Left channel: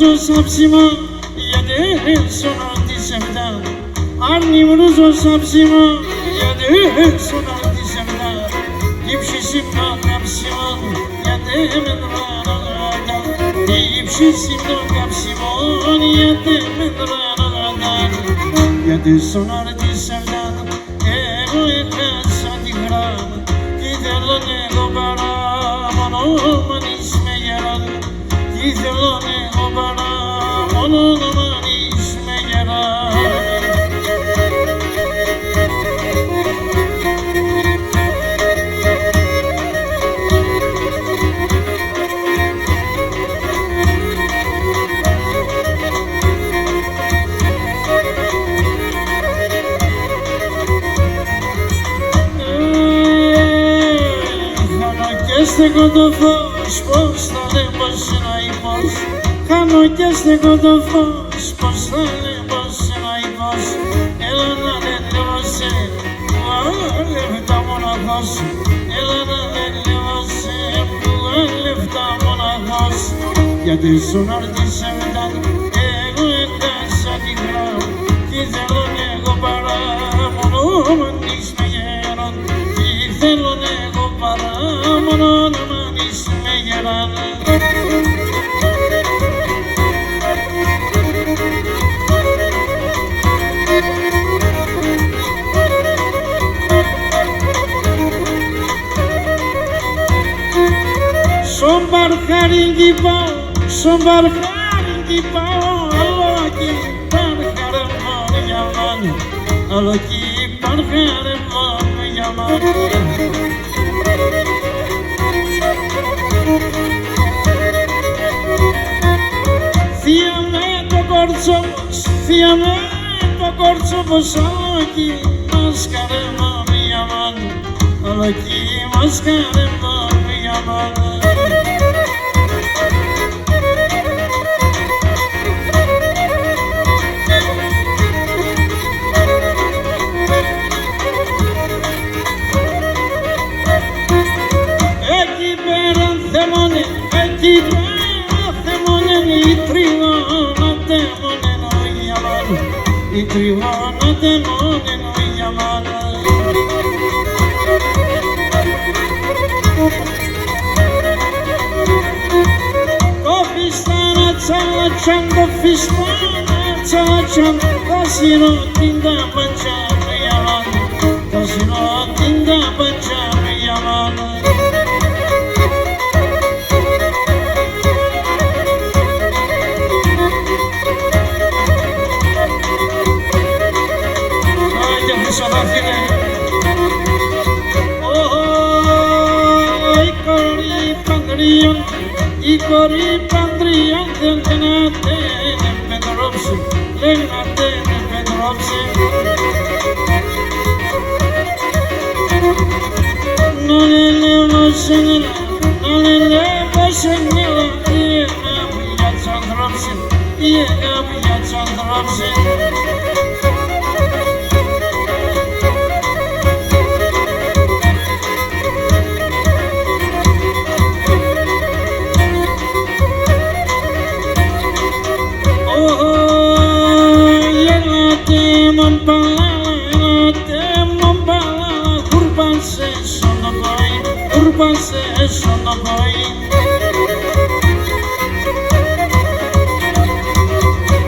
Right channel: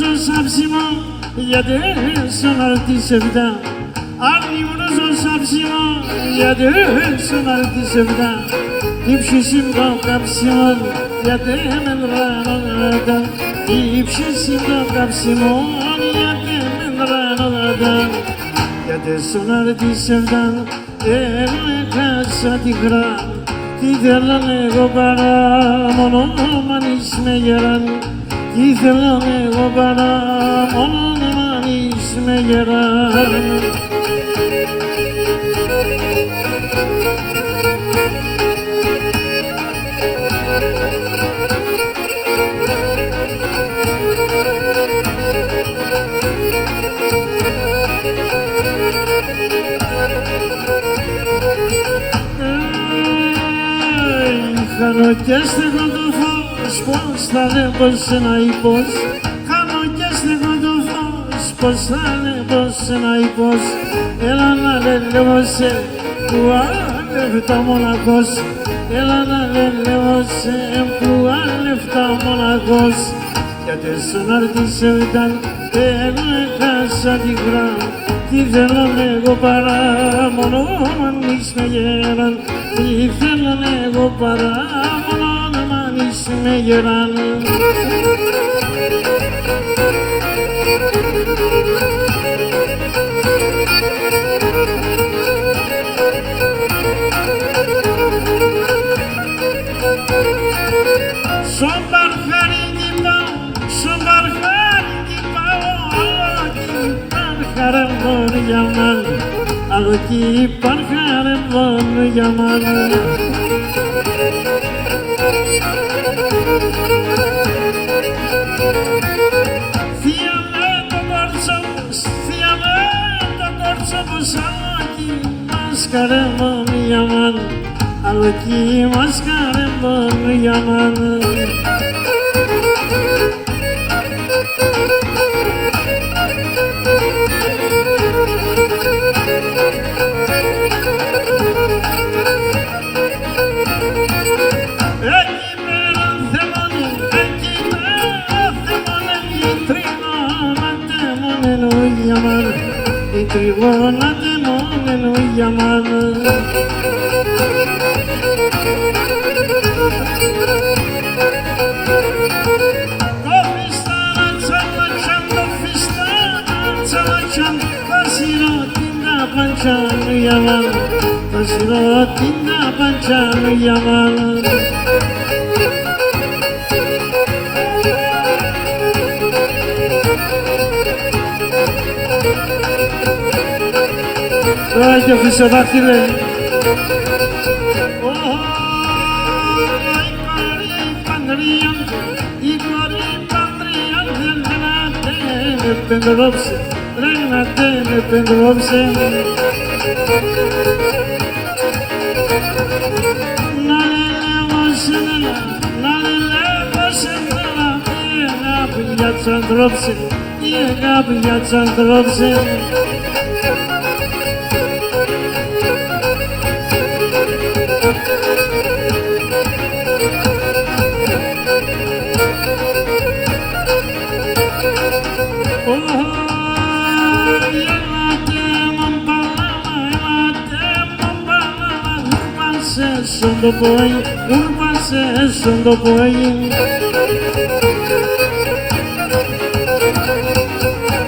βρούζω σάψιμο γιατί στον αρτισευτά. Άρνη βρούζω σάψιμο γιατί στον αρτισευτά. Υψίσιμ το κάψιμο γιατί με δρανόλατα. Υψίσιμ το κάψιμο γιατί με δρανόλατα. Γιατί στον αρτισευτά εγώ έχασα τη γράμμα. Κι θέλω εγώ παρά μόνο μ' με γεράν. Κι θέλω εγώ παρά μόνο μ' με γεράν. Χάνω και στέκω το φως, πώς θα λέ πως ένα ή πως. Χάνω και στέκω το φως, πώς θα λέ πως ένα ή πως. Έλα να λέω σε που αλεύτα μοναχός. Έλα να λέω σε που αλεύτα μοναχός. Γιατί στον αρτισεύταν εγώ έχασα τη γράμμα. Τι θέλω εγώ παρά μόνο μ' με γέραν. Τι θέλω εγώ παρά μόνο μ' με γεράν. Στον παρχαρίνκι πάω, στον παρχαρίνκι πάω. Άλλο κι παρχαρεύον για μάνα. Άλλο κι παρχαρεύον για μάνα. Θεία με το κορτσόπος, θεία με το κορτσόπος. Άλλο κι μασκαρεύον για μάνα. Άλλο κι μασκαρεύον για μάνα. Η τριγώνα τεμόνεν για μάνα. Το φιστάνα τσαλατσάν, το φιστάνα τσαλατσάν. Τα σιρώτην τα παντσάν για μάνα. Τα σιρώτην τα παντσάν για μάνα. Και χρυσοδάχτυλε. Η κορή παντριάντε, η κορή παντριάντε. Λένατε με πεντρόψε, λένατε με πεντρόψε. Να λελεύω σενέλα, να λελεύω σενέλα. Η αγάπη για τους ανθρώπους, η αγάπη για τους ανθρώπους. Το πρωί, ούρπασε στον το πρωί.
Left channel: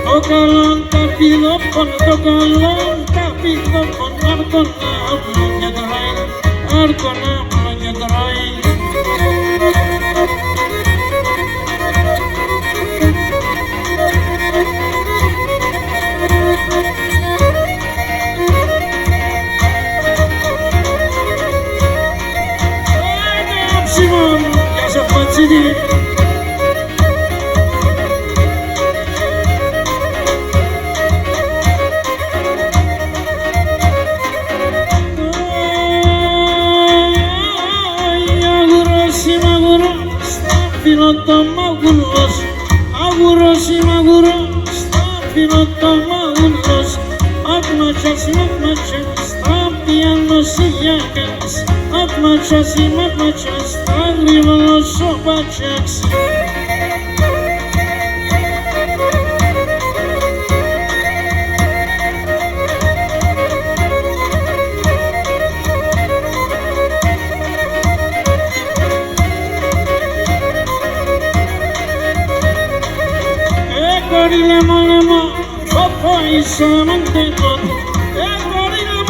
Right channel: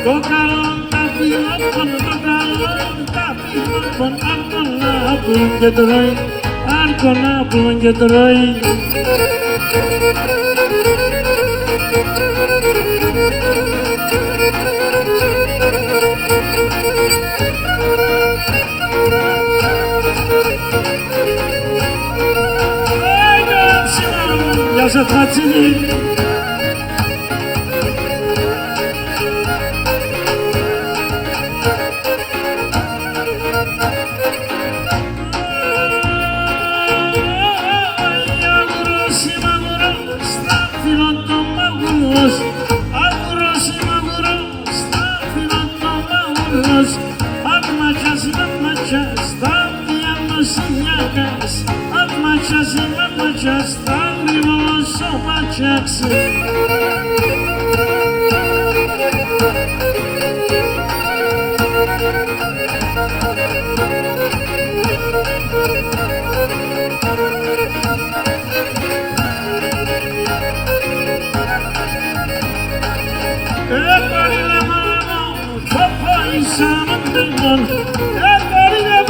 Το καλόν τα πηδόπον, το καλόν τα πηδόπον. Άρκον άπλον και τρώει, άρκον άπλον και τρώει. Ζατματσίδη. Αγουρός είμαι αγουρός, θα φύλλω το μαγουλός. Αγουρός είμαι αγουρός, θα φύλλω το μαγουλός. Atmaças, matmaças, ta pianosiyacas. Atmaças, matmaças, ta grivolos sopaçaks. paisama demon, gorile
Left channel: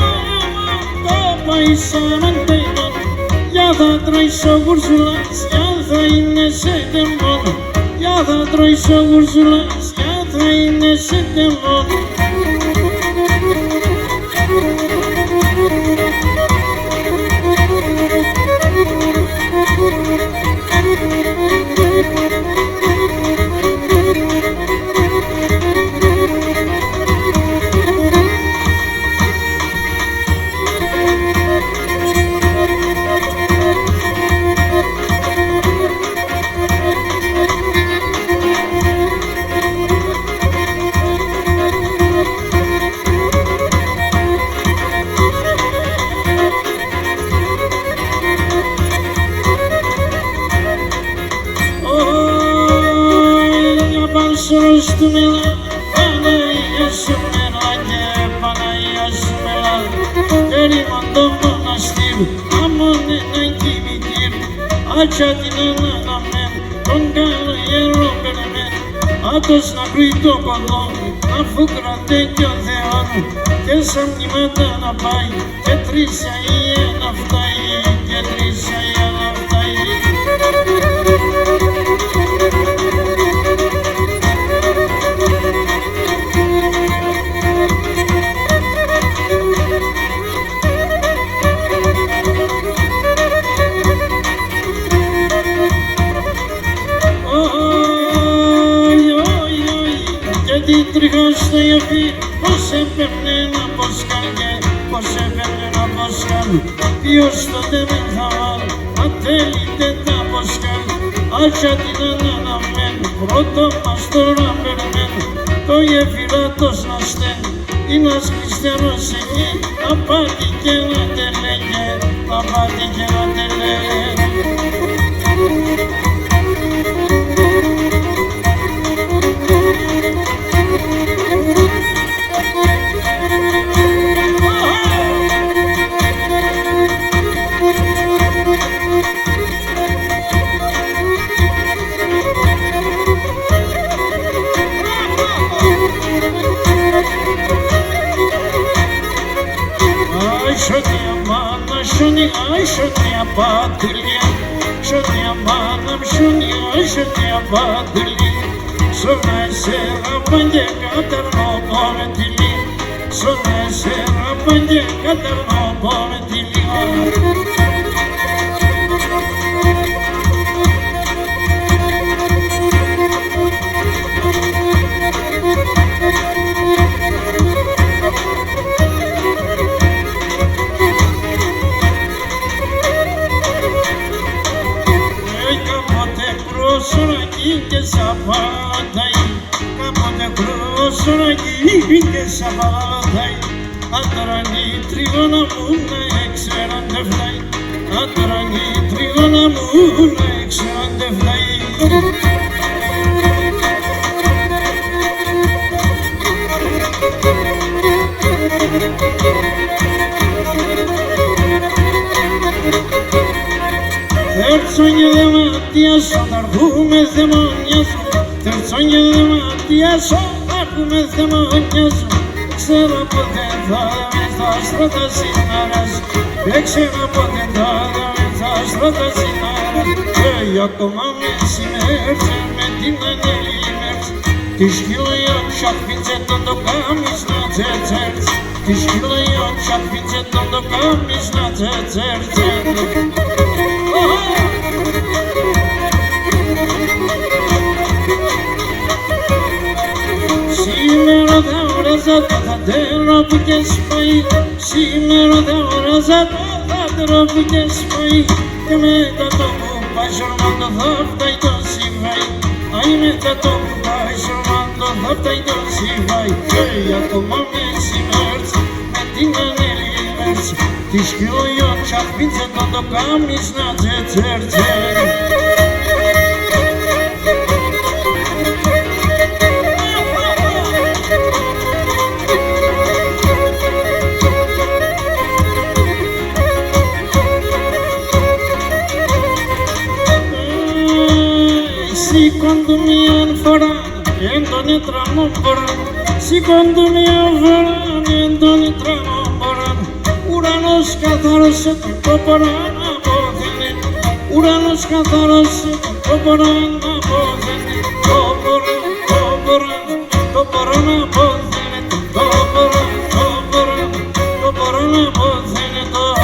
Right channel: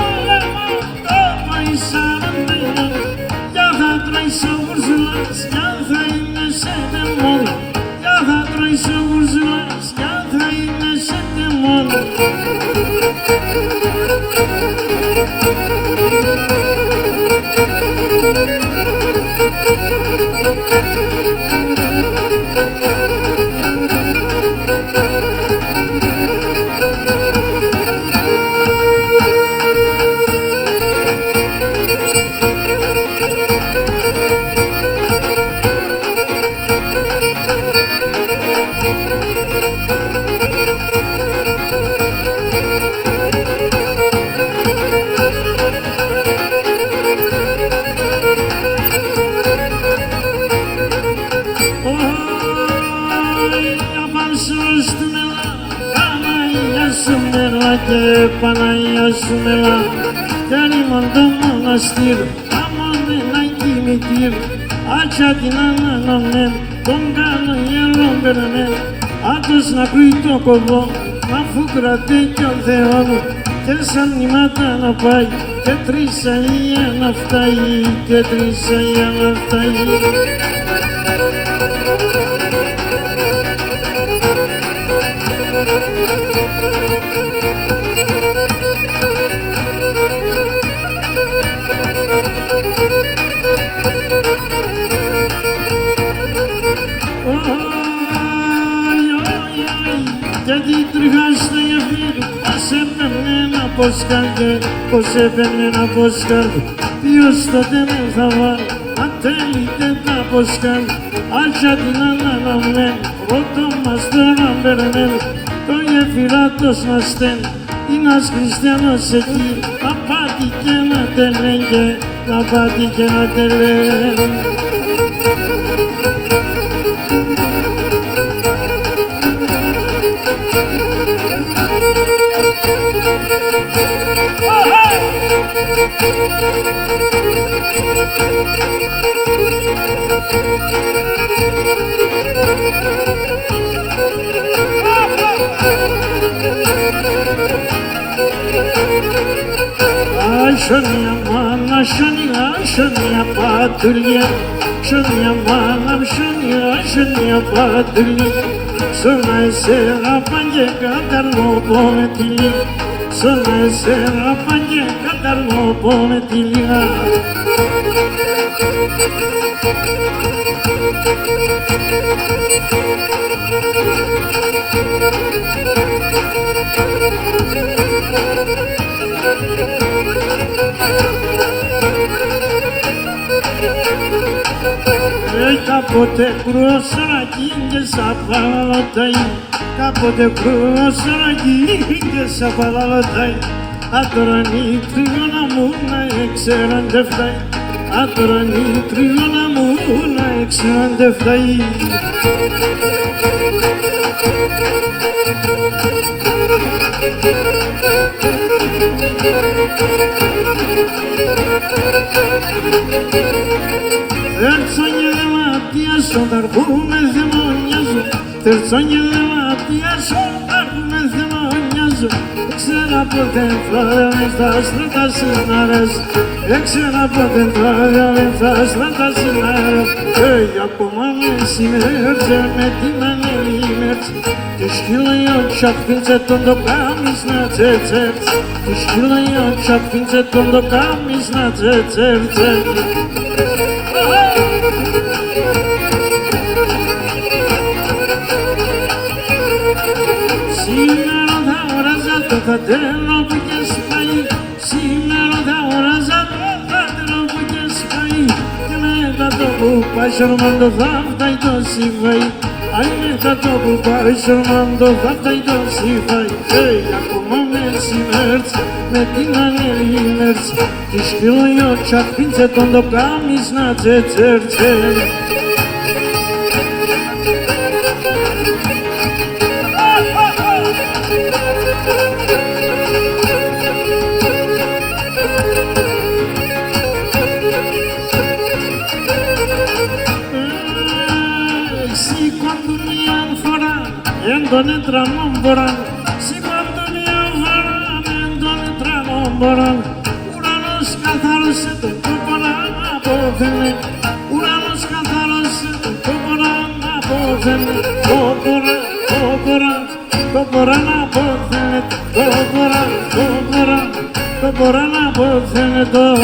to paisama demon. Ja da traiso urzulas, ja da inese demon, ja da traiso urzulas, ja da inese demon. Παναγία σου μελά και ρήμον το μοναστήρ αμόνε να κοιμητήρ άτσα την αναναμέν τον καλό ιερό περαμέν άτος να κρούει το κοδό να φούκρατε κι ο Θεόν και σαν μνημάτα να πάει και τρίσα η να φτάει και τρίσα η να φτάει. Γιατί τριχά στο γεφύρι, πως έπαιρνε ένα ποσκάλ πως έπαιρνε ένα ποσκάλ. Ποιος τότε με θα βάλει, ατέλειτε τα ποσκάλ. Άτσα την αναναμένη, πρώτο μας τώρα περαμένη. Το γεφυράτος να στέλνει, ένας χριστιανός εκεί. Να πάτη και να τελέγγε, να πάτη και να τελέγγε. Şonia mana şonia patulya şonia mana şonia patulya Sona esera pange katarno pometili Sona esera pange katarno pometili Κάποτε κρούσωνακι και σαν παραλωτάει Κάποτε κρούσωνακι και σαν παραλωτάει Ατρανή τρίγωνα μου να έξεραν τε φτάει Ατρανή τρίγωνα μου να έξεραν τε φτάει Θέρτσον και δεμάτιασον, θα αρχούμε θεμονιάζον Θέρτσον και δεμάτιασον, θα αρχούμε θεμονιάζον Ξέρα ποτέ θα δαμε στα στρατά συνάρας Ξέρα ποτέ θα δαμε στα στρατά συνάρας Και ακόμα μεσημέρτσε με την ανέλη μέρτσε Τη σκυλαιόν τσακ πίντσε τον το κάμις να τσέτσερτς Τη σκυλαιόν τσακ πίντσε τον το κάμις να τσέτσερτς Σήμερα θα οράζα το θατέρο που και σπάει Σήμερα θα οράζα το θατέρο που και σπάει Και μετά το που πάει σορμάντο θα φτάει το σύβαει Αι μετά το που πάει σορμάντο θα φτάει το σύβαει Και ακόμα μεσημέρτς με την ανέλη μέρτς Τη σκυλοϊό τσακ πίντσε τον το κάμις να τσέτσερτσε Σηκώντου μίαν φορά, εν τον έτραμον μποράν, σηκώντου μια φορά τον τρανό μποράν. Ουρανός καθάρωσε τον κόποραν απόθενε. Ουρανός καθάρωσε τον κόποραν απόθενε. Κόποραν, κόποραν, κόποραν απόθενε. Κόποραν, κόποραν, κόποραν απόθενε τον.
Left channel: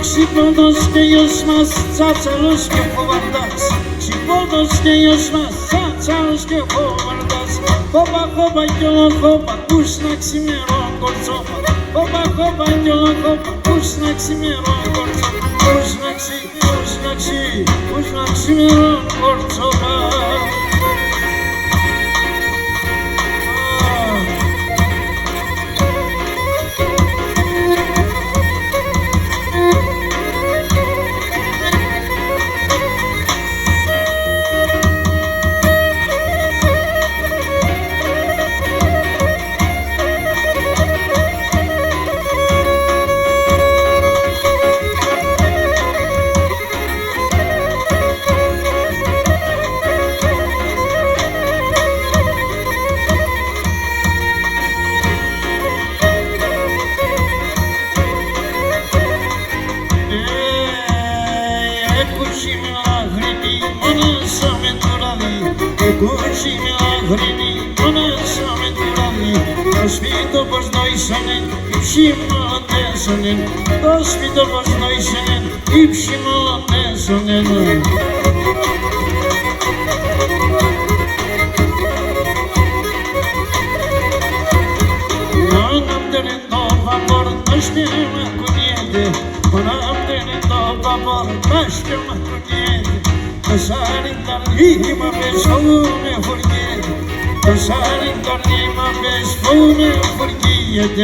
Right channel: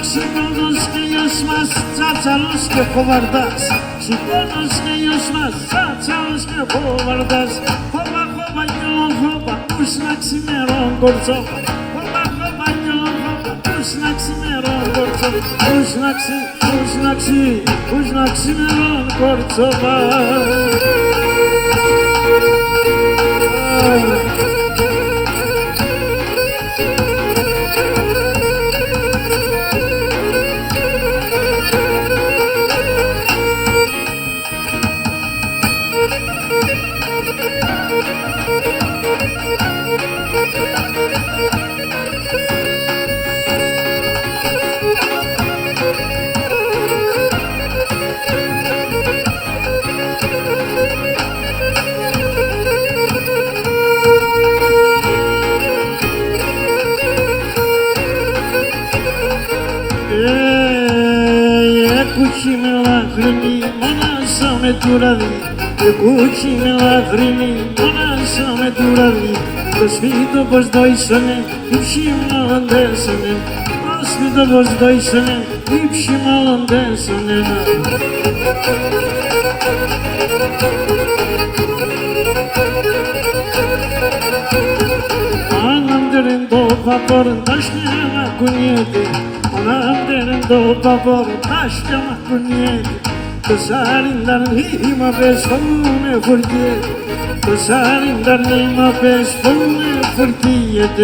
Ξυπνώντος και γιος μας τσάτσαλος και χοβαρδάς. Ξυπνώντος και γιος μας τσάτσαλος και χοβαρδάς. Χόπα χόπα κι όλο χόπα, πούς να ξημερών κορτσόπα. Χόπα χόπα κι όλο χόπα, πούς να ξημερών κορτσόπα. Πούς να ξημερών κορτσόπα. Κουτσί με λαχρινή, μόνασα με του ραδί. Κουτσί με λαχρινή, μόνασα με του ραδί. Το σπίτο πως δόησονεν, υψί μολοντέσονεν. Το σπίτο πως δόησονεν, υψί μολοντέσονεν. Μάναμ τερεν το παπορ, τα σκέμα κουνιέται. Manam derendo babor başka makuniyet. To sarindar nima pes faume furkiyet. To sarindar nima pes faume furkiyet.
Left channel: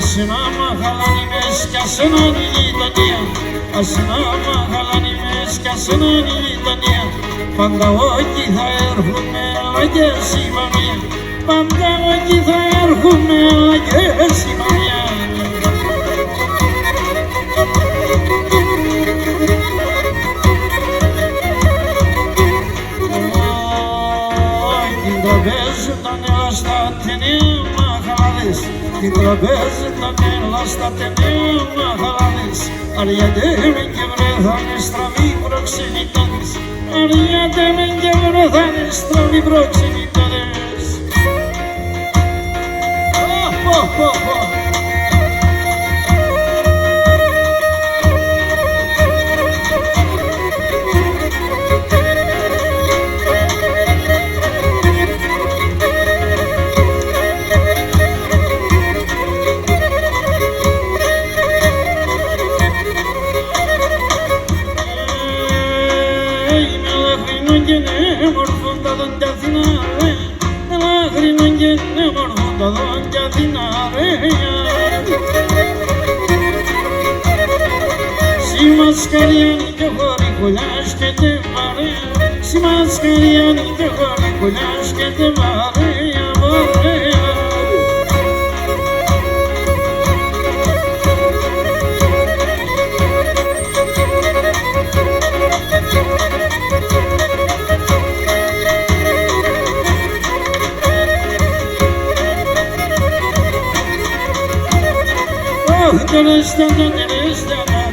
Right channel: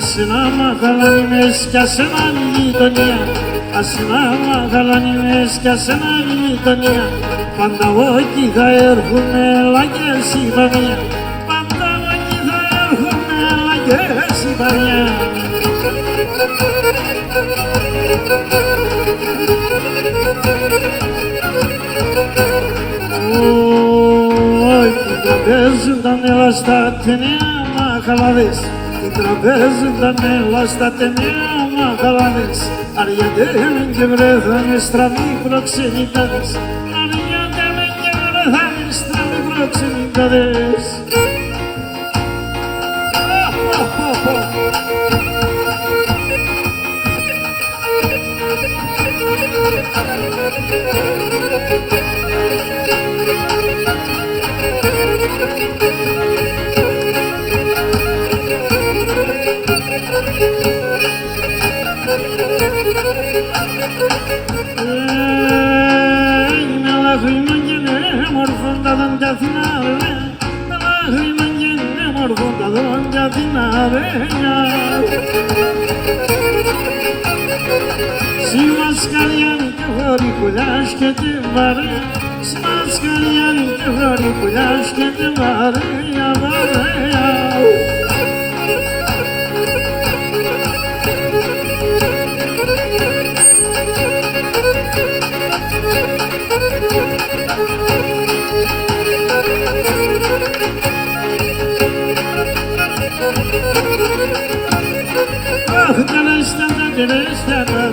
Ασένα μαχαλάνι μες κι ασέναν η γειτονία. Ασένα μαχαλάνι μες κι ασέναν η γειτονία. Πάντα όχι θα έρχομαι λαγές η παμία. Πάντα όχι θα έρχομαι λαγές η παμία. Την τραπέζουν τα νέλα στα ταινία μαχαλάδες. Την τραπέζουν τα νέλα στα ταινία μαχαλάδες. Αριάτε μεν και βρεθάνε στραβοί προξενητάδες. Αριάτε μεν και βρεθάνε στραβοί προξενητάδες. Τα δόντια θυνάρε, με λάχρινον και νεμορφούν τα δόντια θυνάρε. Σι μασκαριάνι και χωρί κουλιάς και τε βαρέα. Σι μασκαριάνι και χωρί κουλιάς και τε βαρέα, βαρέα.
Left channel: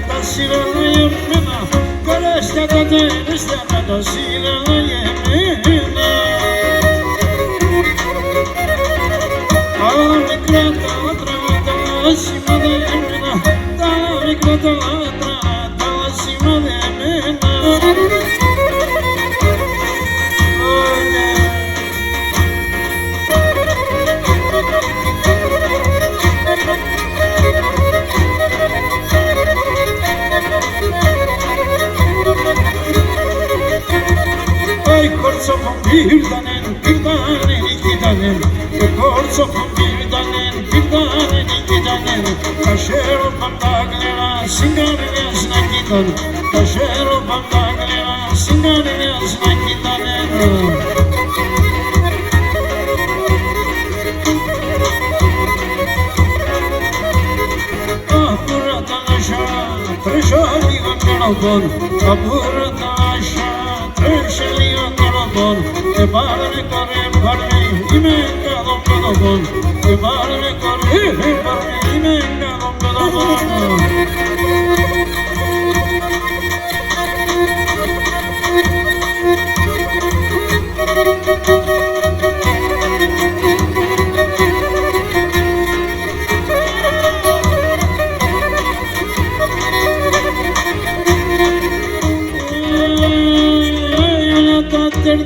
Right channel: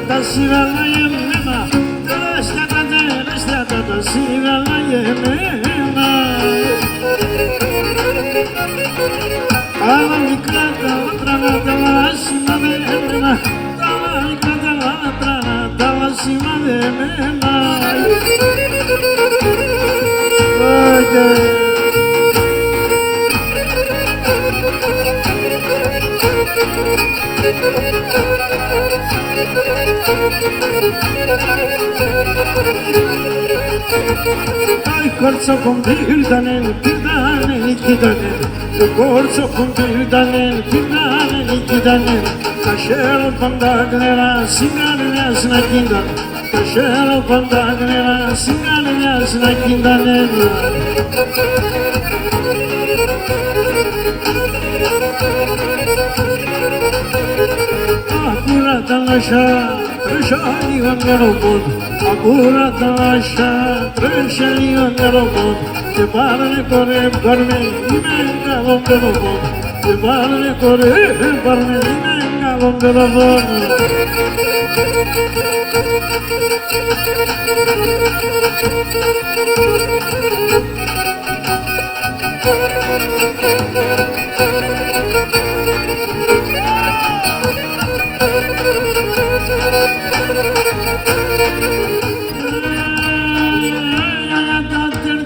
Τα σειράλα εμένα. Τα σειράλα εμένα. Αλλά μικρά τα λάτρανα τα λασιμαδεμένα. Τα μικρά τα λάτρανα τα λασιμαδεμένα. κορτσόπον πήρτανε νικήτανεν, το κορτσόπον πήρτανε νικήτανεν, τα σέρο πάντα κλερά συγκαρνιάς να κίνταν, τα σέρο πάντα κλερά συγκαρνιάς να κίντανεν. Απούρατα λασιά, τρέσω λίγο νεροπόν, απούρατα λασιά, τρέσω λίγο νεροπόν, και πάρme κορέ, πάρμε, είμαι καλόν παιδοπόν, και πάρμε κορέ, πάρμε, είμαι καλόν παιδοπόν.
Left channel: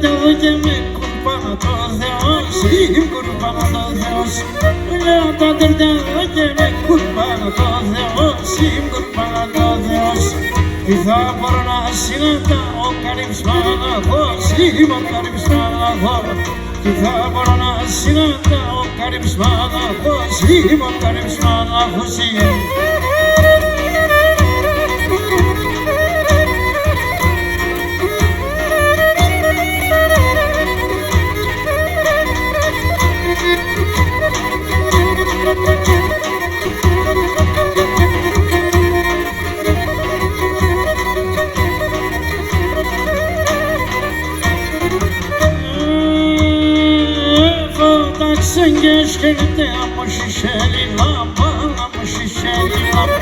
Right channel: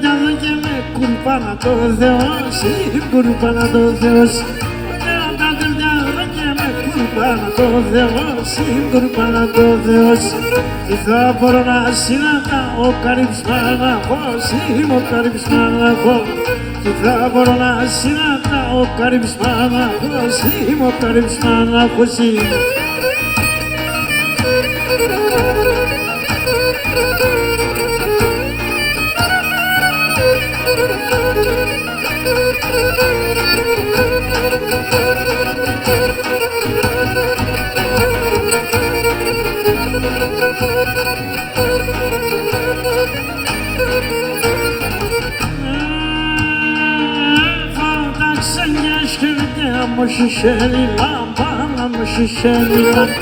Εδώ και με κουρπάνα το Θεός, είμαι κουρπάνα το Θεός. Λέω τα τερτιά εδώ και με κουρπάνα το Θεός, είμαι κουρπάνα το Θεός. Τι θα μπορώ να συναντά ο καρύψμαναχός, είμαι ο καρύψμαναχός. Τι θα μπορώ να συναντά ο καρύψμαναχός, είμαι ο καρύψμαναχός. Και αμοσχισέλη λάμπα, αμοσχισέλη λάμπα.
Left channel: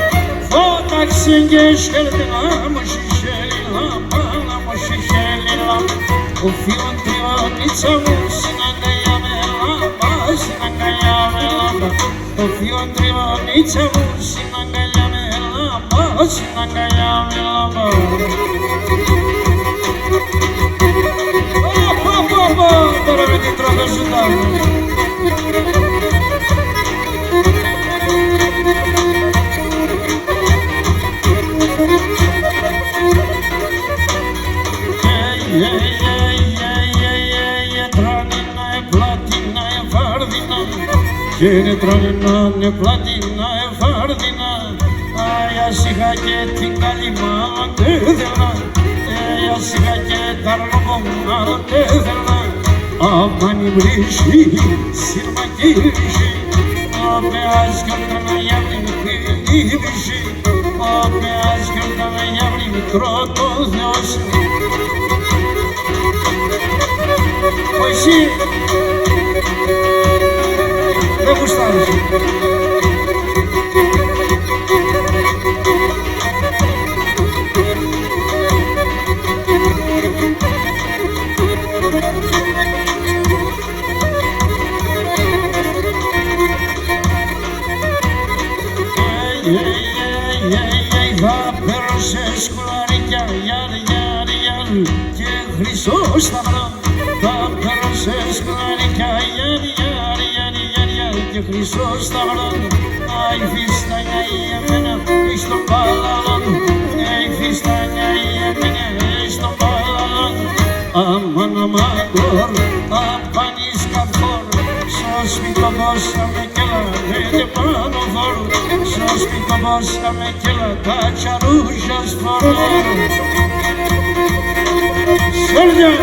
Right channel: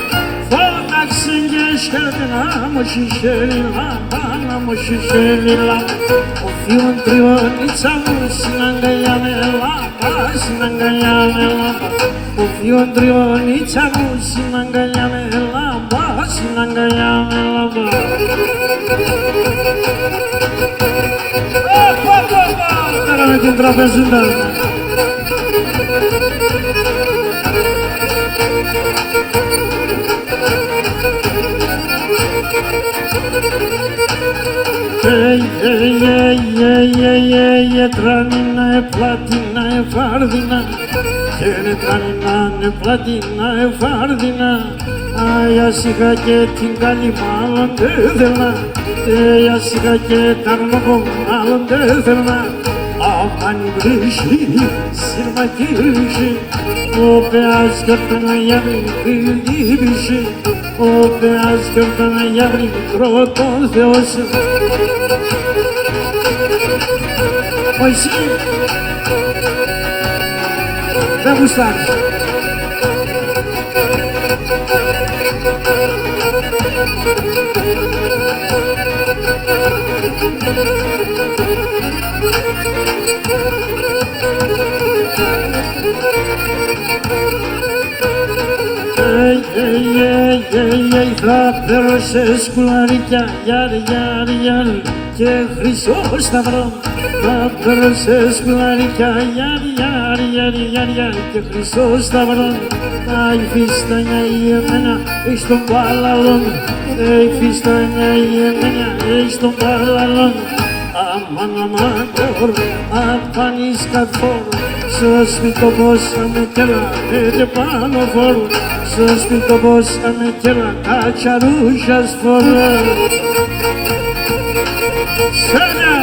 Φώταξε και σκέρτε αμοσχισέλη λάμπα, αμοσχισέλη λάμπα. Ο θείον τριβονίτσα μου συναγκαλιά με λάμπα, συναγκαλιά με λάμπα. Ο θείον τριβονίτσα μου συναγκαλιά με λάμπα, συναγκαλιά με λάμπα. Τώρα με την τραπεζούντα. Τρανίνα, πλατίνα, φάρδινα, και τρανίνα, πλατίνα, φάρδινα. Άιας είχα και την καλή μάλλον δεν θέλνα, άιας είχα και τα αρνοπό μάλλον δεν θέλνα. Αμάνι βρύσι, σύρμα κύρυση, ο πεάς γιορτάνα για μικρή λύπηση, ο πεάς γιορτάνα για μικρό τον Θεό σου. Εσύ δεν γουστάρεις. Θα παίρνω σε σκουλαρίκια, γιαρ, γιαρ, γιαρ, και χρυσό σταυρό. Θα παίρνω σε σκουλαρίκια, γιαρ, γιαρ, γιαρ, γιαρ, γιαρ, και χρυσό σταυρό. Αι φιστάνια η εμένα εις τον παλαλόν, αι φιστάνια η εμένα εις τον παλαλόν. Αμάν, αμάν, κορ, απάνεις κατφόρ, στο σπίτι πόσαμε κι έλα, έτε πάνω φόρου. Στο σπίτι πόσαμε κι έλα, τα τσαρούσα σφορώ. Σέρια!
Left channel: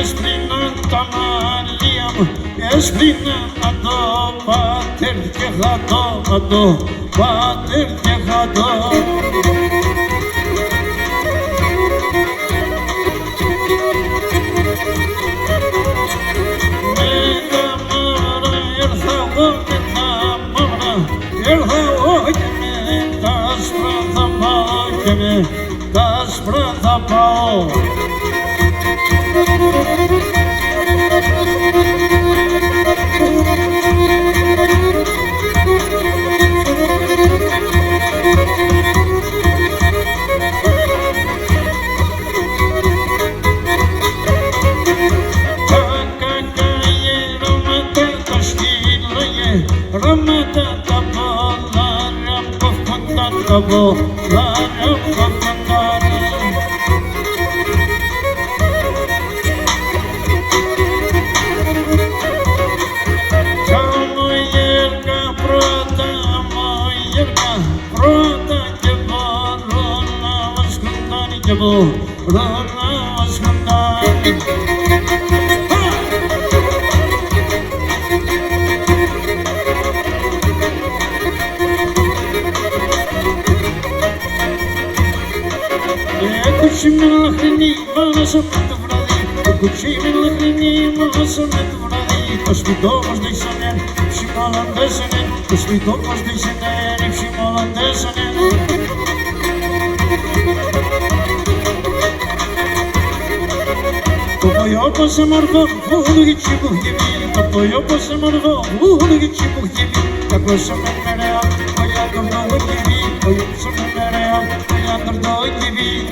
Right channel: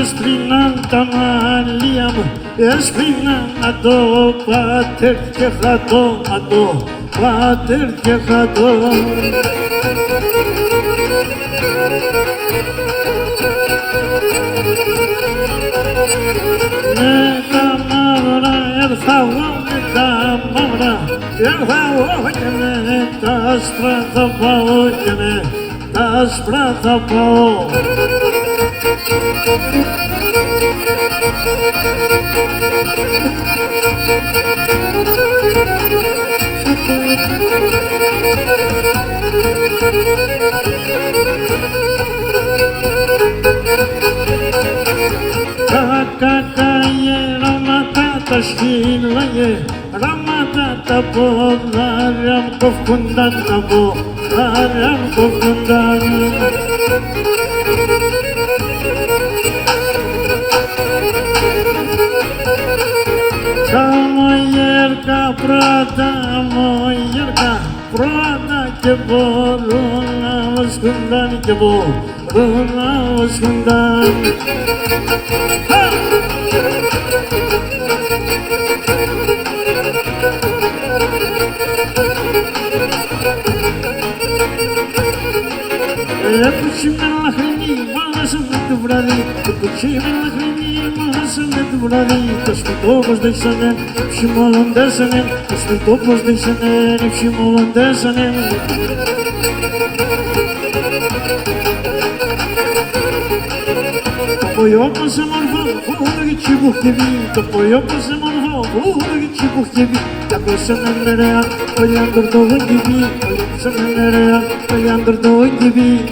Έσπλυναν τα μαλλία μου, έσπλυναν αντώ, πατέρ και χατώ, αντώ, πατέρ και χατώ. Με τα μαύρα έρθα εγώ, με τα μαύρα έρθα εγώ, και με τα άσπρα θα πάω, και με τα άσπρα θα πάω. σκύλαγε ραμάτα τα πόδαρια μου κοφκούνταν τα πόδαρια μου κοφκούνταν. Καμογέρκα πρώτα, μογέρκα πρώτα και μπορούν να βοσκούνταν και μπορούν να βοσκούνταν. Κουτσί με λαχρινή, μάσαμε το βράδυ. Κουτσί με λαχρινή, μάσαμε το βράδυ. Το σπιτό πως δείξανε, ψημολοντέσανε. Το σπιτό πως δείξανε, ψημολοντέσανε. Το ποϊό πως σε μορφό, φούδου και τσιπουχτιβή. Το ποϊό πως σε μορφό, φούδου και τσιπουχτιβή. Κι ακούσαμε μερέα, κολλιάντορ το γονκιβή. Ακούσαμε μερέα, κολλιάντορ το γονκιβή.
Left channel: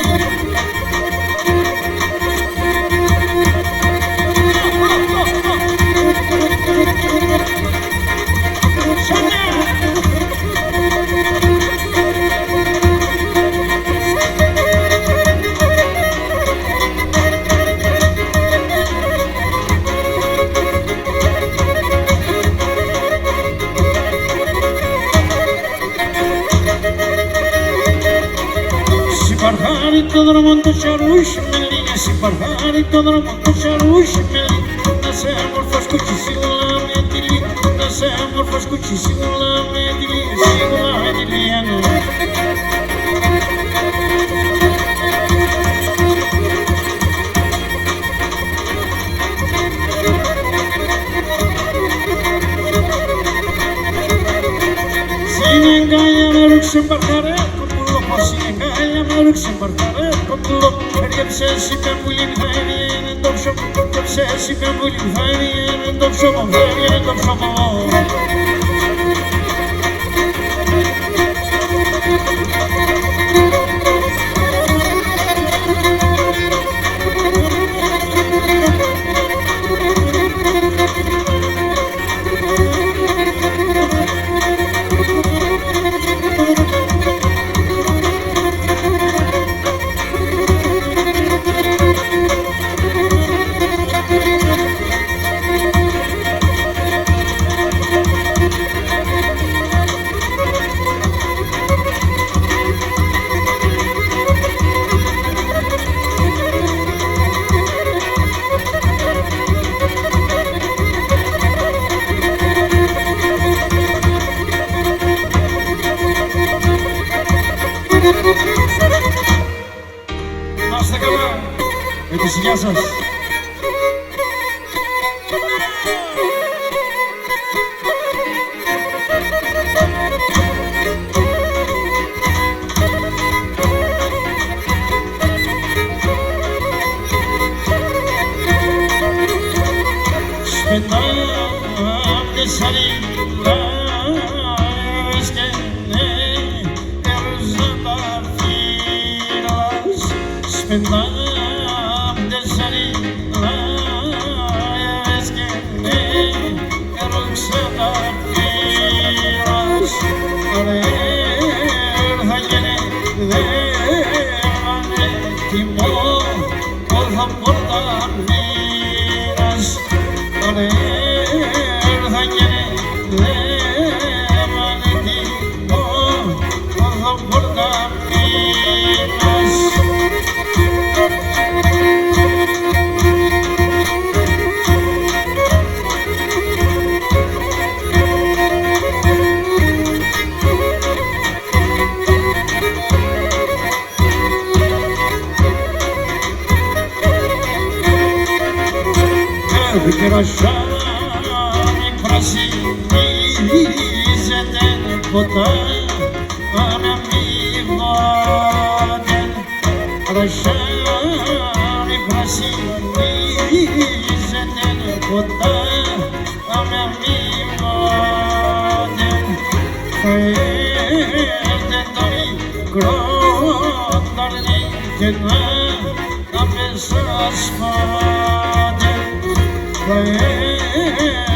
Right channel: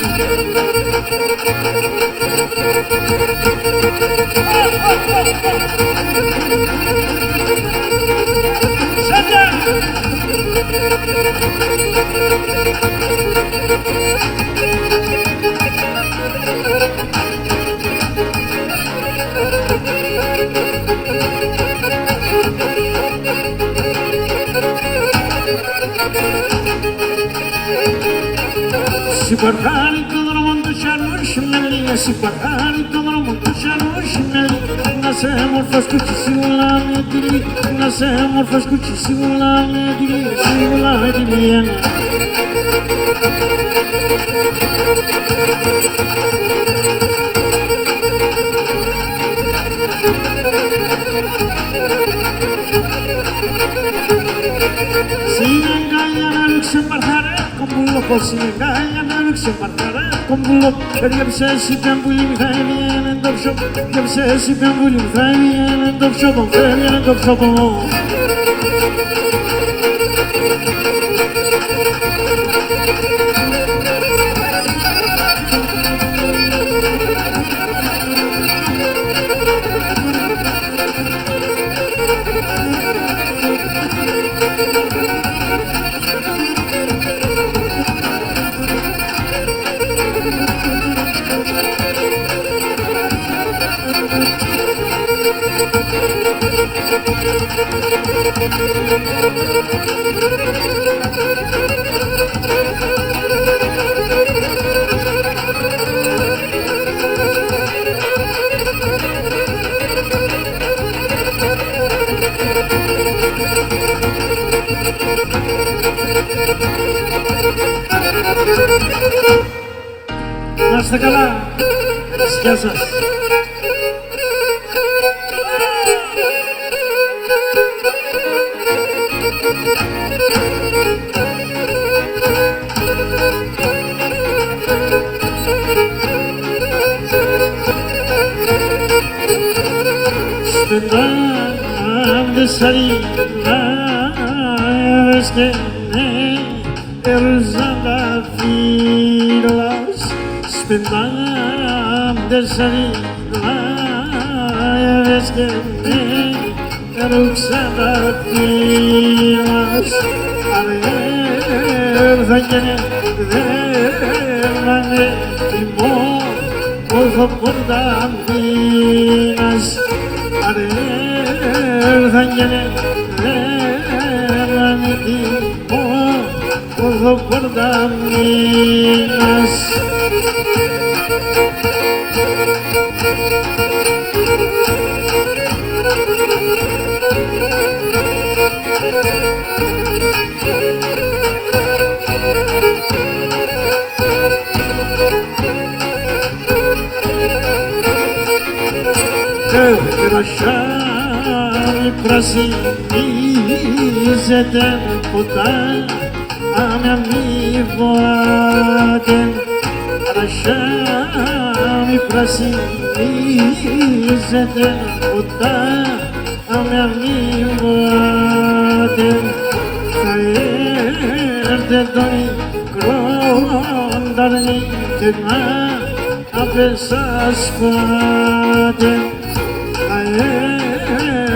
Συμπαρχάρι το δρόμο το τσαρούσι μελί, συμπαρχάρι το δρόμο το τσαρούσι μελί. Να σε μορφός κουτσί σίγουλα με τυλί, να σε μορφός κουτσί σίγουλα με τυλί, σίγουλα με τυλί ένα. Συνεγκάλια με ρούξε μπαρχαρέ, κομπούλο πως συνεγκάλια με ρούξε μπαρχαρέ, κομπούλο. Έριαψες η πέμπουλη μη θα έβγαινε το ψώπο, έριαψες η πέμπουλη μη θα έβγαινε το ψώπο, έβγαινε το ψώπο. Να είστε καλά, με τη σιγιά σας. Σπεντάμ de sarila, es que ne erzanda filas. Spendam de sarila, es que ne erzanda filas. Arer da yine de mane timo, ozo por da minas. Arer da yine de mane timo, ozo por da minas. Κρασάμι πρασινίζεται ποτά, άμια μη βάτεν. Κρασάμι πρασινίζεται ποτά, άμια μη βάτεν. Θα έρθει το μικρό νταρνί και να απεσασφάτεν. Θα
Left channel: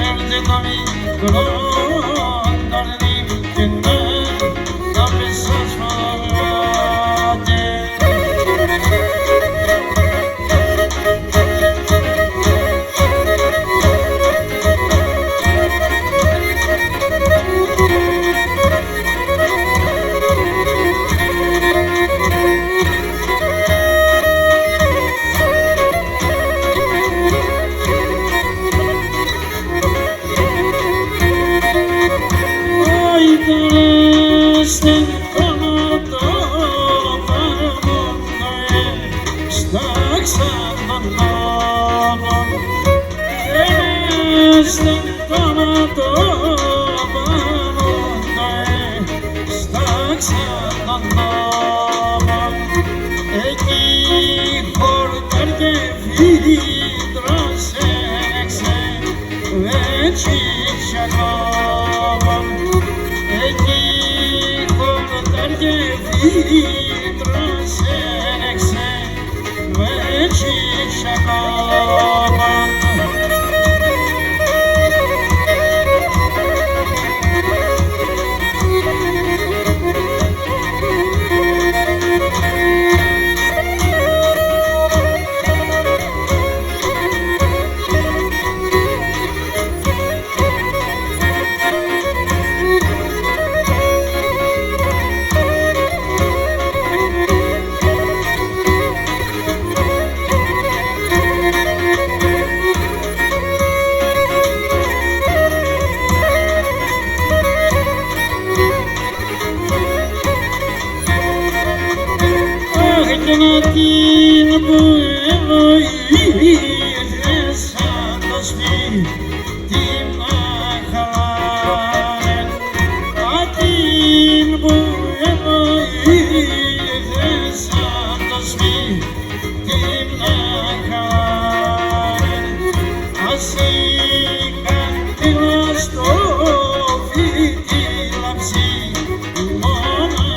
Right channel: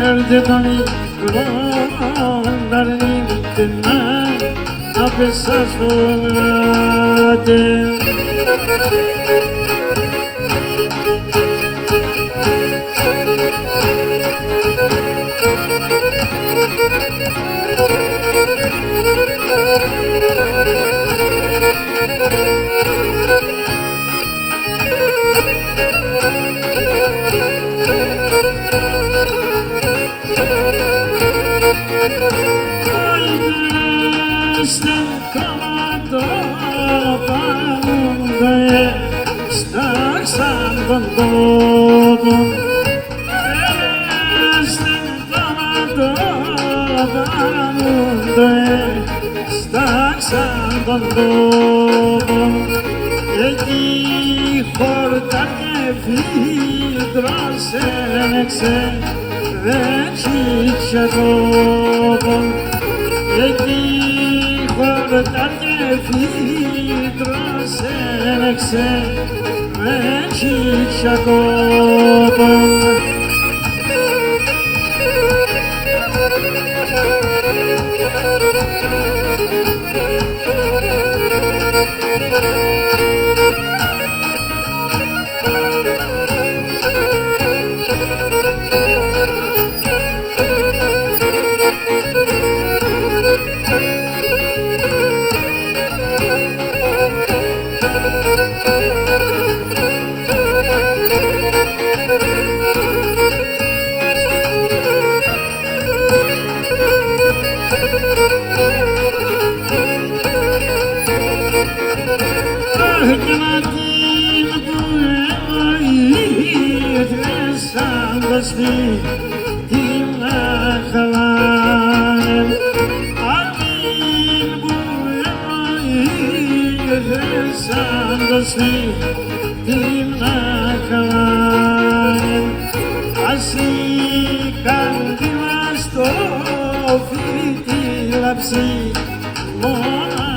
έρθει Άντε το μικρό ανταρνίμ και να πεσάς φοβάται. Στάξαν τον τόπο, έστεν το ματώπαμουντο, στάξαν τον τόπο, εκεί χορτάρ και φύτρος ένεξε βετσίτσιακόπον, εκεί χορτάρ και φύτρος ένεξε βετσίτσιακόπον. Και να την που βοήθες σαν το σπίτι να χαλάνε, την που βοήθες σαν το σπίτι να χαλάνε, ας η καντήλα στο φύτι λαψί μόνα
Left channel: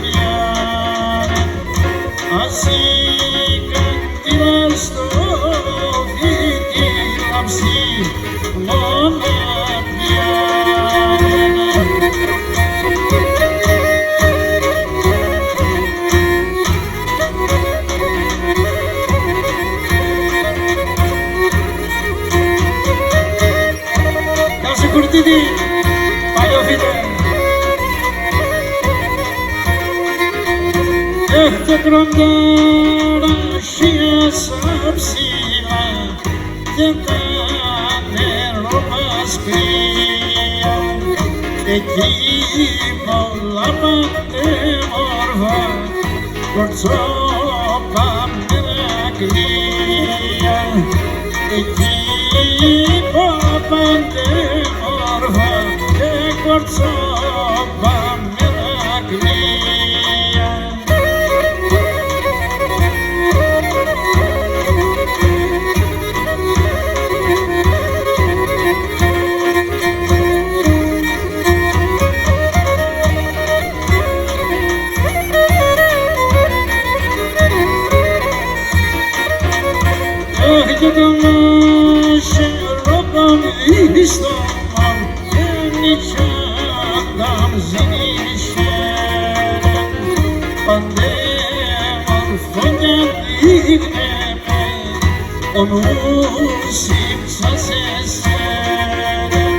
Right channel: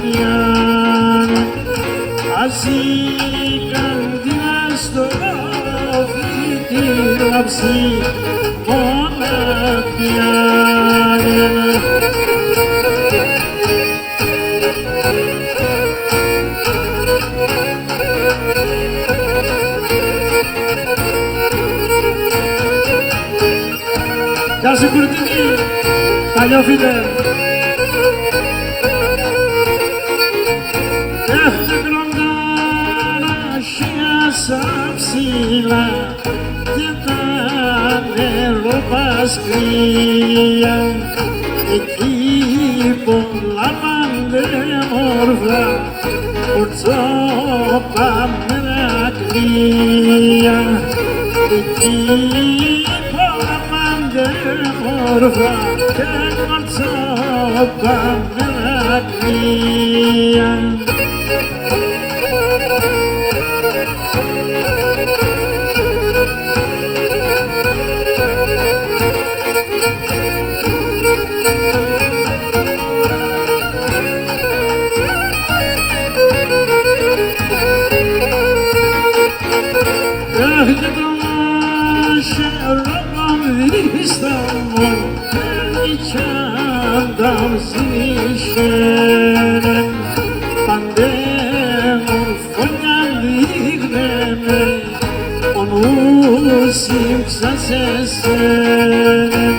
πιάνε. Ας η καντήλα στο φύτι λαψί μόνα πιάνε. Γεια σου Κουρτίδη, παλιό φίλε. Και κροντάρασια ψηλά και τα νεροπασκρία, εκεί πολλά παντέμορφα κορτσόπα μερακλία, εκεί πολλά παντέμορφα και κορτσόπα μερακλία. Και το μάχεροπαμ δίσταμον νικιάνταμ ζηνίσχερεν, παντέμορφον κι αν δείχνε με ο νους ύψας εσένεν,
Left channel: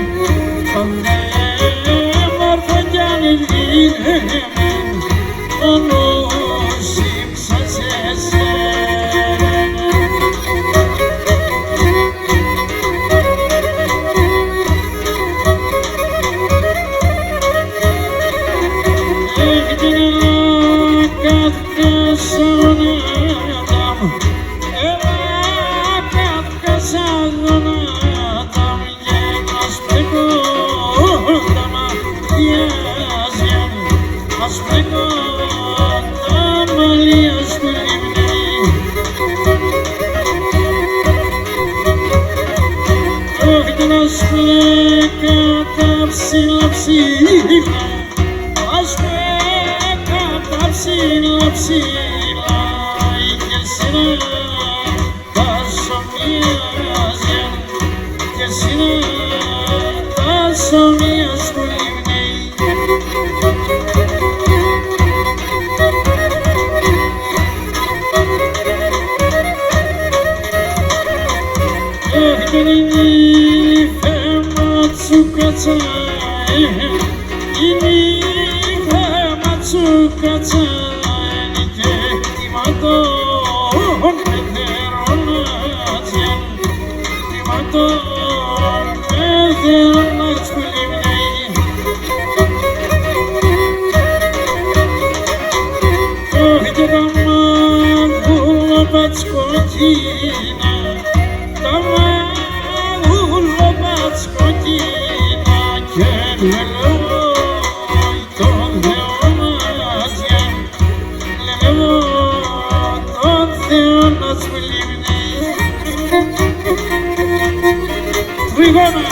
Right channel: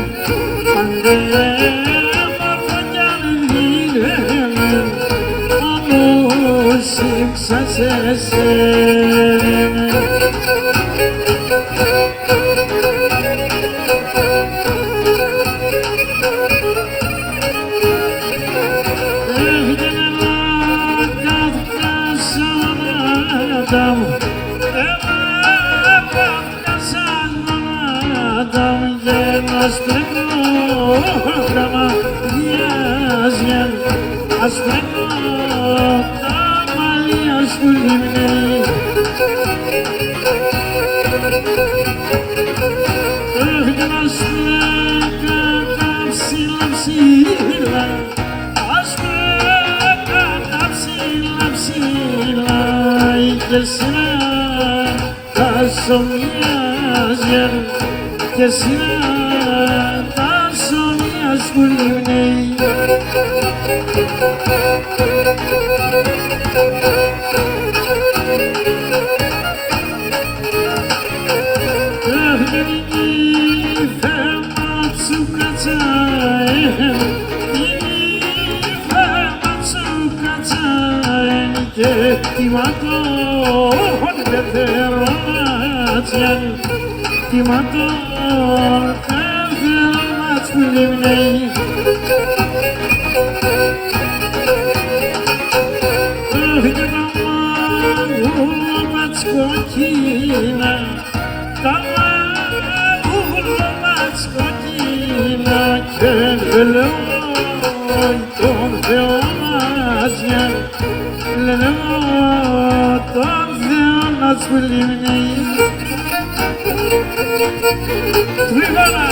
παντέμορφον κι αν δείχνε με ο νους ύψας εσένεν. Ας πλέκω τα μαλλιά σου λιμνή, και να σπλέκα τα ψηλά ψηλά, ας πλέκα τα ψηλά ψηλά, και εσένα τα σομιάζια, και συναντάσω μια σκουλιμνέη. Είναι η φέμα τσουκατσα, είναι η φέμα τσουκατσα, είναι και τιματών πεθερώνατζιαν, τιματών πεθερώνατζ που λιμνέει. Και τα μαγούλοπατς κοκκίνα, τα μαγούλοπατς κοκκίνα και λελεύω τον Θεόνατζιαν, λελεύω τον Θεόνατζ που λιμνέει. Τριγώνα!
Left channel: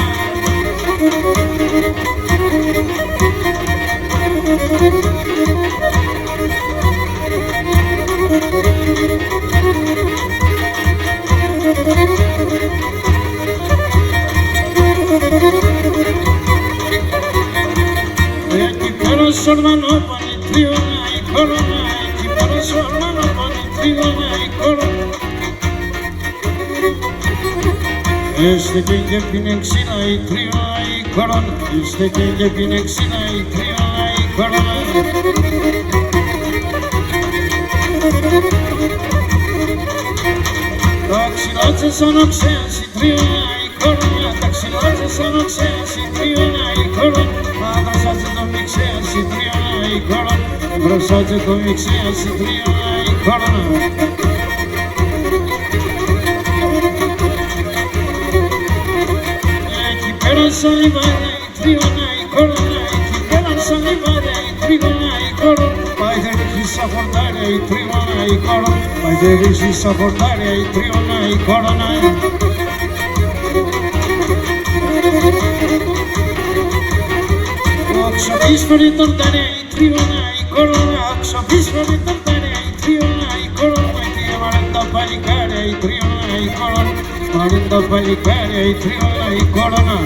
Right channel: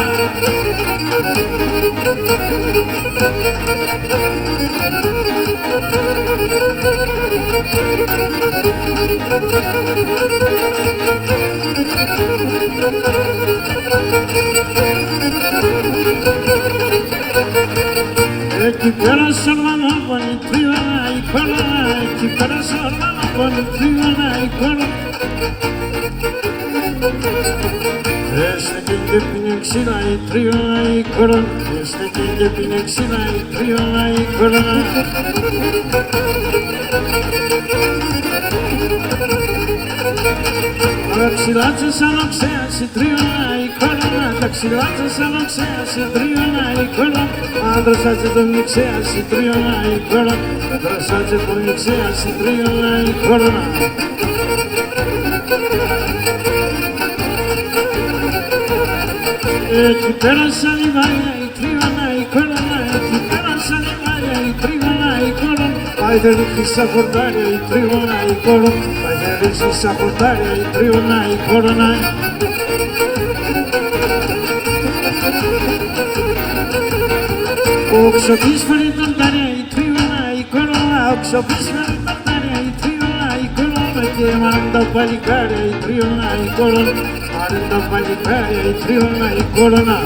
Εκεί πέρα σ' ορμανόπονη τρίγωνα η κόρονα, εκεί πέρα σ' ορμανόπονη τρίγωνα η κόρονα. Έστεκε και πίνε ξύλα η τρίγωνα η κόρονα, έστεκε και πίνε ξύλα η τρίγωνα η κόρονα. Τα ξυλάτσε σαν οξέας η τρίωνα η κόρονα, τα ξυλάτσε σαν οξέας η τρίωνα η κόρονα. Άντρωσάτσε το μιξέας η τρίωνα η κόρονα, άντρωσάτσε το μιξέας η τρίωνα η κόρονα. Εκεί πέρα σαν λιβάδια η τρίωνα η κόρονα, εκεί πέρα σαν λιβάδια η τρίγωνα η κόρονα. Πάει θε ρίχνει στα χορτάρια η τρίγωνα η κόρονα, πάει θε ρίχνει στα χορτάρια η τρίγωνα η κόρονα. Οξοπής φέρνει τορτάρια η τρίγωνα η κόρονα, οξοπής φέρνει τορτάρια η τρίγωνα η κόρονα. Και μ' τα παλικάρια η τρίγωνα η κόρονα, μ' τα παλικάρια η τρίγωνα η κόρονα.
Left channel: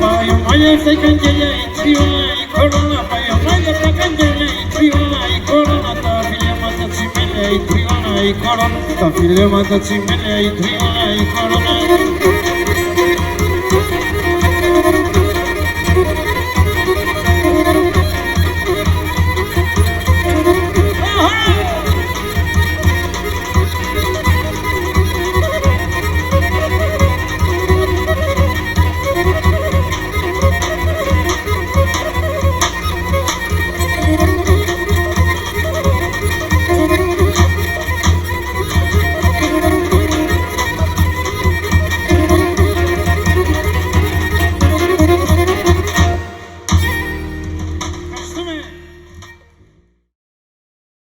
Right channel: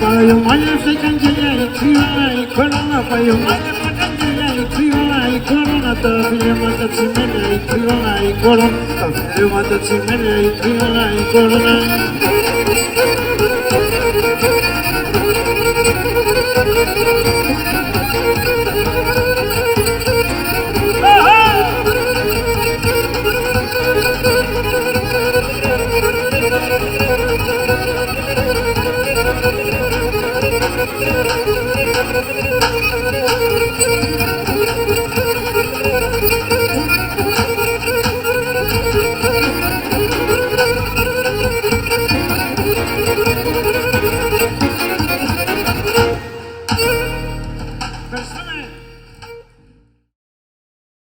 Πάει ο μάλια καγγελιά η τρίωνα η κόρονα, πάει ο μάλια καγγελιά η τρίωνα η κόρονα. Τα φιλέματα τσιμέλια η τρίωνα η κόρονα, τα φιλέματα τσιμέλια η τρίωνα η κόρονα.